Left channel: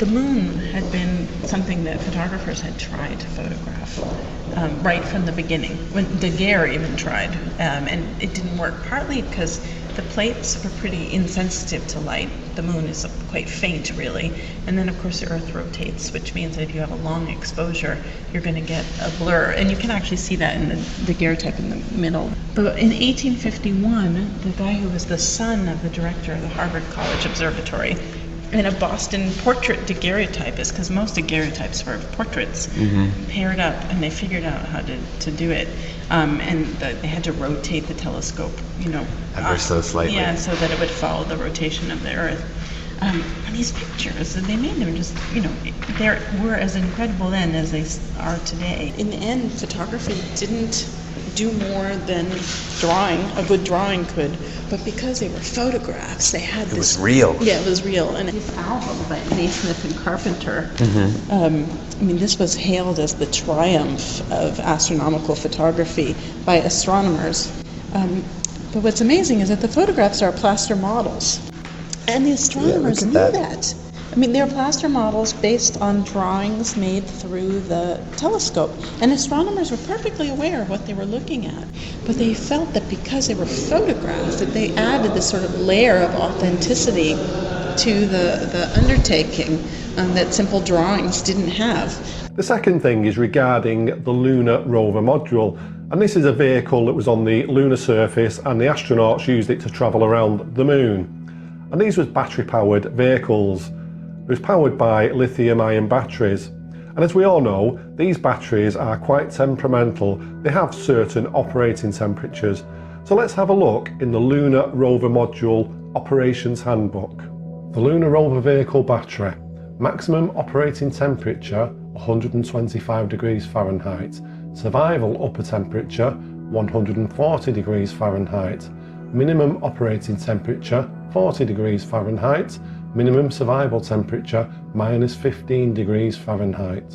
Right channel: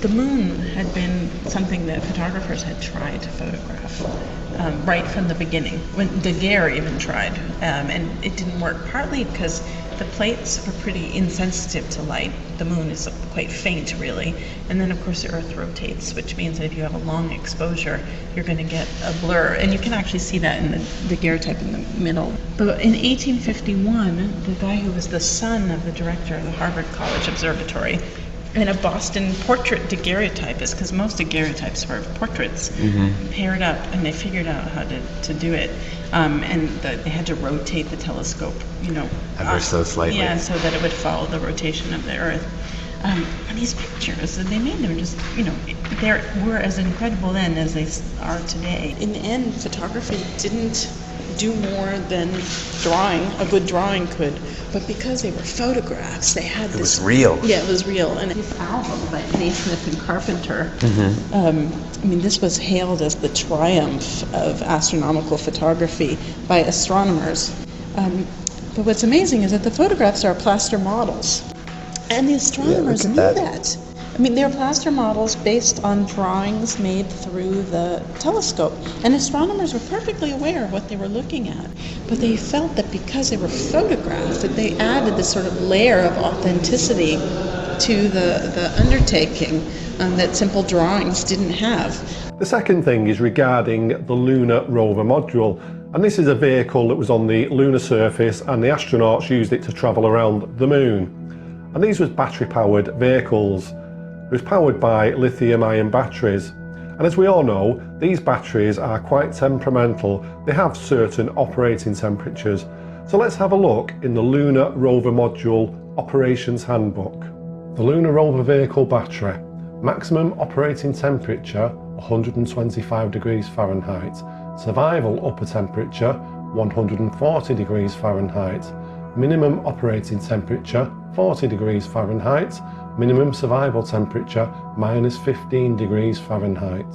the moon had been something that photographers had tried to photograph right from the beginning. When Daguerre even tried, and it didn't work, partly because the plates are pretty insensitive to light. The moon is quite faint, really. And then, of course, the Earth rotates, which means that if you have a long exposure, you're going to get a blur. And you can actually see that in the daguerreotype in the middle. But in 1851, the guy who was the son of the director of the Harvard College Observatory and a Boston portrait daguerreotypist, because most daguerreotypes were portraits, paired up, and they figured out how to do it. They had to rotate the telescope, ever so slightly. Yeah, so that it would follow the rotation of the Earth. These pictures, they made them just, they were as incredible then as they are today. In the end, photography didn't do more than drawing. A good drawing could, but because they were photographs, they had this. It was real. Yeah, it was real. And this album by Naismith and Carpenter, this was hailed as the triumph of astronomical photography by astronomers. But what's amazing is that the photographs are plaster models. And the astronomers knew that. They're plaster models based on drawings made through the telescope. And astronomers were perfectly aware of what they were looking at. But they felt that because they were photographed, that they added this sort of layer of authenticity to the undertaking that simple drawings didn't have. The second thing is regarding the lunar rover module. And this is a vehicle that was on the lunar surface, and the astronauts used it to travel around the moon. And these were battery-powered vehicles. It was powered by lithium-ion batteries. And as we all know, these batteries are quite temperamental. They have certain operating temperatures. So let's have a look in the Lunar Rover Module Operations Handbook. The Lunar Rover Vehicle Battery. Maximum operating temperature 125 degrees Fahrenheit. Survival upper temperature 140 degrees Fahrenheit. Minimum operating temperature 40 degrees Fahrenheit. Minimum survival temperature minus 15 degrees Fahrenheit.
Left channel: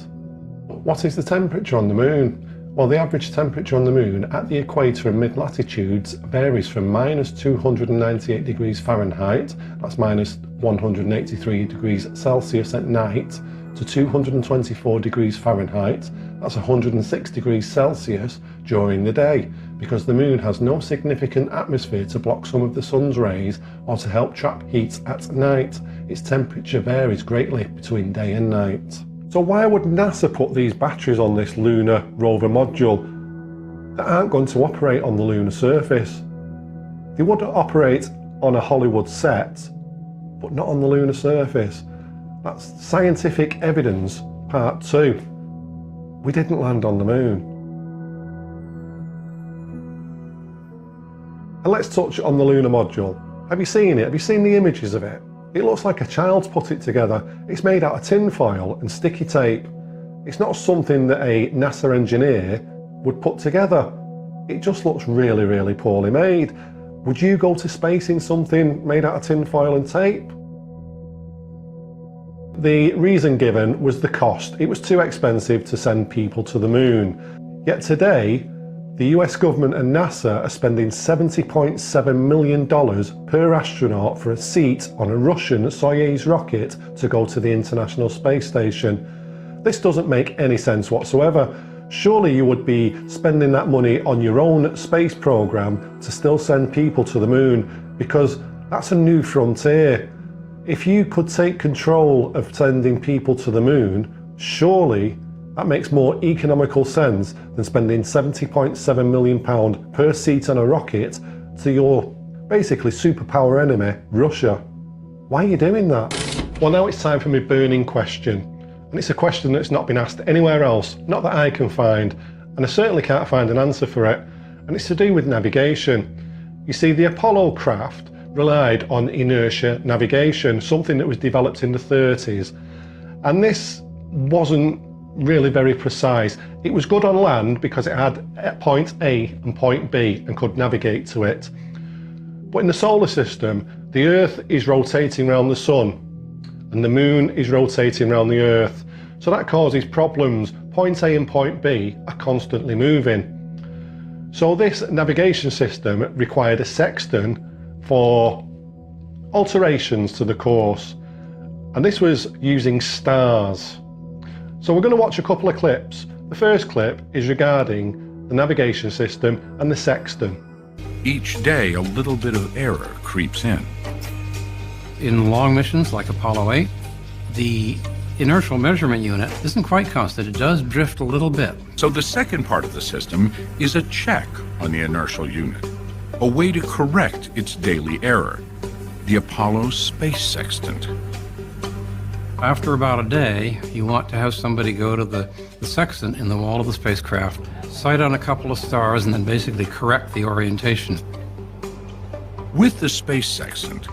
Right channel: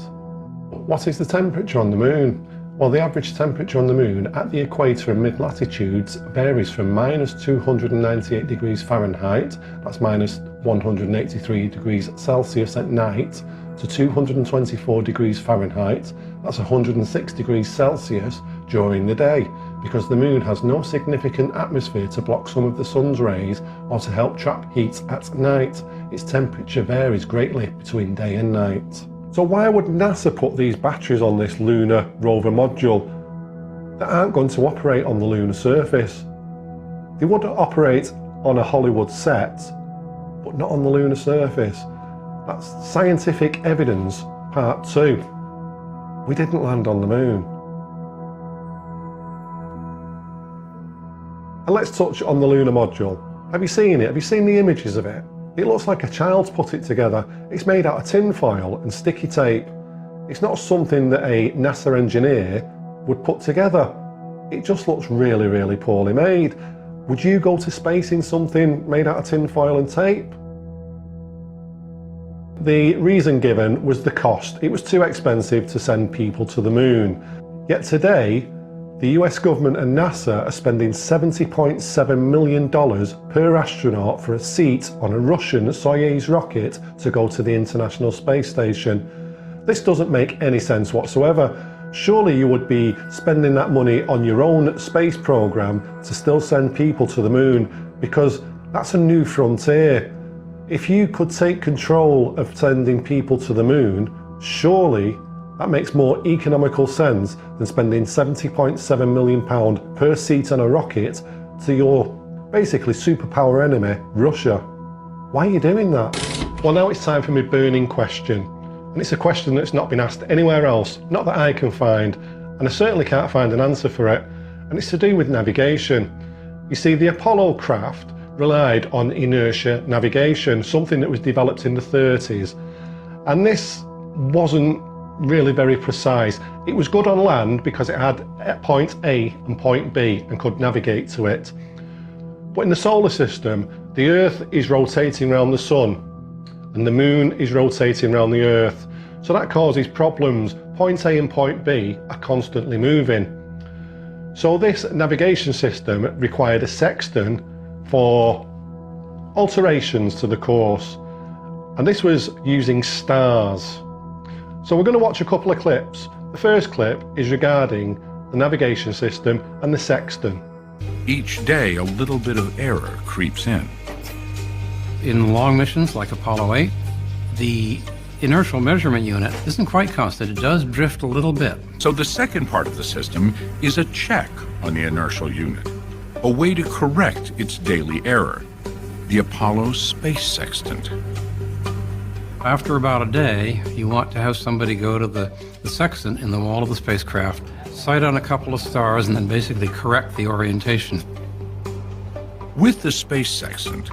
What is the temperature on the moon? Well, the average temperature on the moon at the equator and mid-latitudes varies from minus 298 degrees Fahrenheit, that's minus 183 degrees Celsius at night, to 224 degrees Fahrenheit, that's 106 degrees Celsius during the day, because the moon has no significant atmosphere to block some of the sun's rays or to help trap heat at night. Its temperature varies greatly between day and night. So why would NASA put these batteries on this lunar rover module that aren't going to operate on the lunar surface? They would operate on a Hollywood set, but not on the lunar surface. That's scientific evidence, part 2. We didn't land on the moon. And let's touch on the lunar module. Have you seen it? Have you seen the images of it? It looks like a child's put it together. It's made out of tin foil and sticky tape. It's not something that a NASA engineer would put together. It just looks really, really poorly made. Would you go to space in something made out of tin foil and tape? The reason given was the cost. It was too expensive to send people to the moon. Yet today, the US government and NASA are spending $70.7 million per astronaut for a seat on a Russian Soyuz rocket to go to the International Space Station. This doesn't make any sense whatsoever. Surely you would be spending that money on your own space program to still send people to the moon, because that's a new frontier. If you could take control of sending people to the moon, surely that makes more economical sense than spending £70.7 million per seat on a rocket to your basically superpower enemy, Russia. Why are you doing that? Well, now it's time for my burning question. And it's a question that's not been asked anywhere else, not that I can find, and I certainly can't find an answer for it. And it's to do with navigation. You see, the Apollo craft relied on inertia navigation, something that was developed in the 30s. And this wasn't really very precise. It was good on land because it had point A and point B and could navigate to it. But in the solar system, the Earth is rotating around the Sun and the Moon is rotating around the Earth. So that causes problems. Point A and point B are constantly moving. So this navigation system required a sextant for alterations to the course. and this was using stars. So we're going to watch a couple of clips. The first clip is regarding the navigation system and the sextant. Each day, a little bit of error creeps in. In long missions like Apollo 8, the inertial measurement unit isn't quite constant. It does drift a little bit. So the second part of the system is a check on the inertial unit, a way to correct its daily error, the Apollo space sextant. After about a day, you want to have somebody go to the sextant in the wall of the spacecraft, sight on a couple of stars, and then basically correct the orientation. With the space sextant,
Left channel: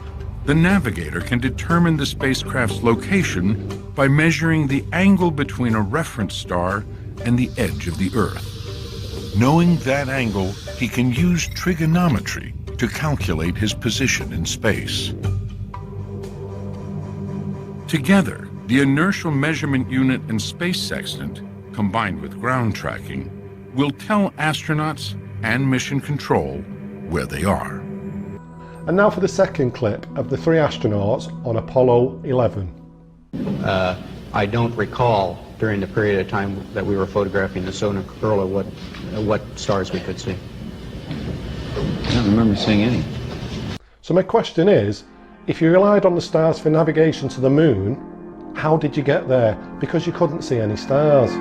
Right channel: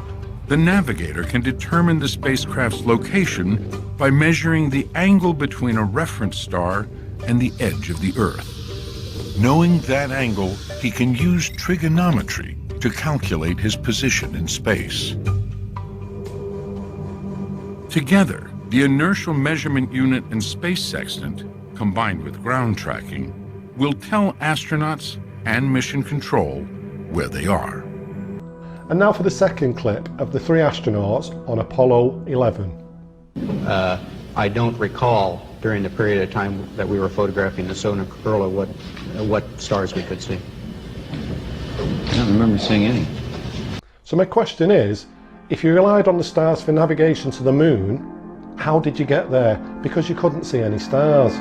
the navigator can determine the spacecraft's location by measuring the angle between a reference star and the edge of the Earth. Knowing that angle, he can use trigonometry to calculate his position in space. Together, the inertial measurement unit and space sextant, combined with ground tracking, will tell astronauts and mission control where they are. And now for the second clip of the 3 astronauts on Apollo 11. I don't recall during the period of time that we were photographing the solar corona what stars we could see. I don't remember seeing any. So my question is, if you relied on the stars for navigation to the moon, how did you get there? Because you couldn't see any stars.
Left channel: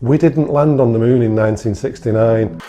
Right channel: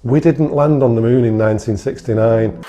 We didn't land on the moon in 1969.